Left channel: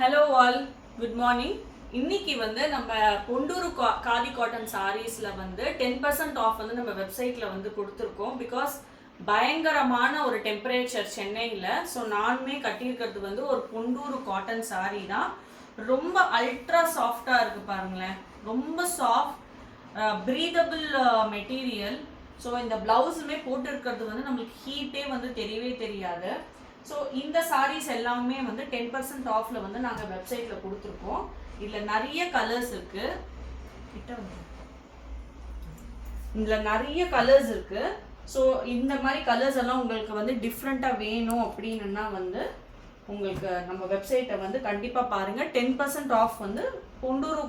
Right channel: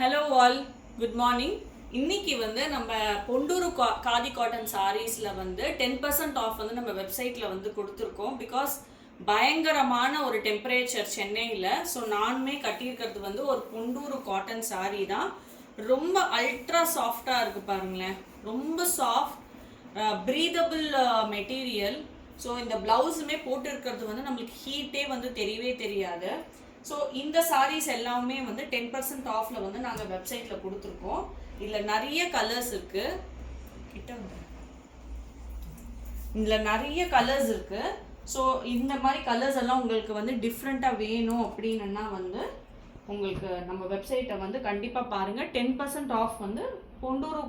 Hello all, good morning. இன்னைக்கு வந்து நம்ம பொண்டூரு காதி காட்டன் சாரீஸில் வந்து 10% ஆஃப் வந்து நம்ம வெப்சைட்டில் வந்து கொடுத்துருக்கோம். பிகாஸ் பயங்கரமான ஒரு டெம்பரேச்சர் சென்னையில். ஸோ நானுமே கட்டியிருக்கிறது வந்து ஒரு பொண்டூரு காட்டன் சாரீ தான். ரொம்ப அல்ட்ரா சாஃப்டாக இருக்குது பாருங்களேன். ரொம்ப சாஃப்ட் ப்ரீதபிள் மெட்டீரியல். ஸோ இந்த ப்ளவுஸுமே போட்டிருக்கிறது வந்து நம்மளுக்கு ஹீட்டே வந்து தெரியவே தெரியாது. ஸோ இந்த சாரீஸ் எல்லாமே வந்து 10% ஆஃபில் வந்து நாங்கள் வெப்சைட்டில் கொடுத்துருக்கோம். இதில் நிறைய கலர்ஸ் இருக்குது. கிட்ட வந்து இதில் நிறைய கலர்ஸ் இருக்குது. ஸோ இந்த மாதிரி கலர்ஸ் எல்லாம் உங்களுக்கு வந்து டிஃப்ரெண்ட்டாக வேணும் அப்படின்னா வந்து உங்களுக்கு நம்ம வெப்சைட்டை வந்து கண்டிப்பாக பாருங்கள். 10% ஆஃப் வந்து பொண்டூரு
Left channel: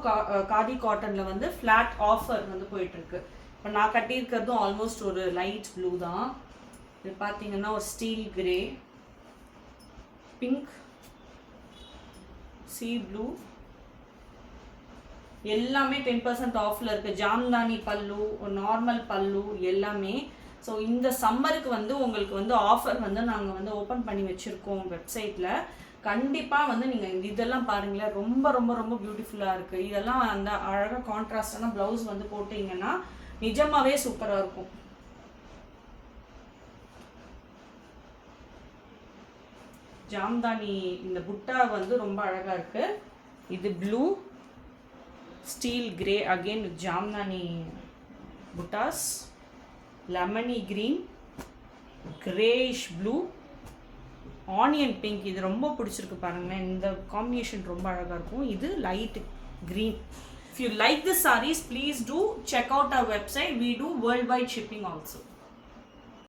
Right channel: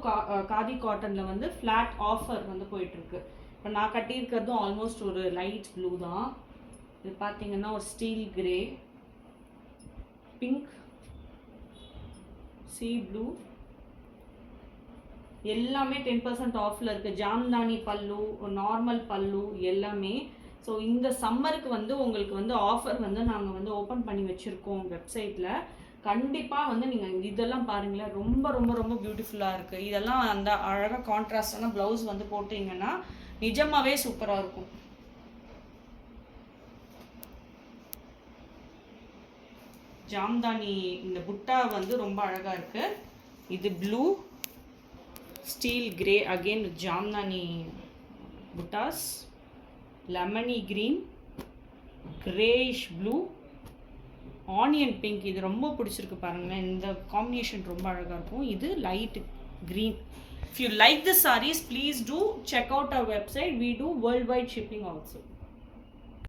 காதி காட்டனில் வந்து ஃப்ளாட் ஆஃபர் வந்து போயிட்டுருக்கு. இப்போ நான் கட்டியிருக்கிறதும் ஆல்மோஸ்ட் ஒரு லைட் ப்ளூ தான். இது பார்த்தீங்கன்னா ஒரு steel grey, pink, C blue எல்லாமே 10% ஆஃபில் இருக்குது. ஜாம்தானி பல்லு, நார்மல் பல்லு எல்லாமே. ஸோ இந்த சம்மருக்கு வந்து உங்களுக்கு வந்து ஆஃபர் வந்து நாங்கள் வந்து ஓப்பன் பண்ணி வச்சுருக்கோம் வெப்சைட்டில். கண்டிப்பாக வந்து நீங்கள் இதெல்லாம் பாருங்களேன், ரொம்ப ரொம்ப ரொம்ப பியூட்டிஃபுல்லாக இருக்குது. இதெல்லாம் அந்த அழகாக கான்ட்ராஸ்டான ப்ளவுஸ் வந்து போட்டிங்கன்னா நிஜமாகவே சூப்பராக இருக்கும். ஜாம்தானி இந்த புட்டா வந்து ரொம்ப அழகாக இருக்குது. இது blue, steel grey again with jamdani buttas, lemony green, greyish blue, onion pink. இது ரொம்ப பிடிச்சிருக்கு பாருங்களேன். இந்த காம்பினேஷன் ரொம்ப அழகாக இருக்கும். இது light green. If you like the sarees, please do check out our website. We do worldwide shipping also.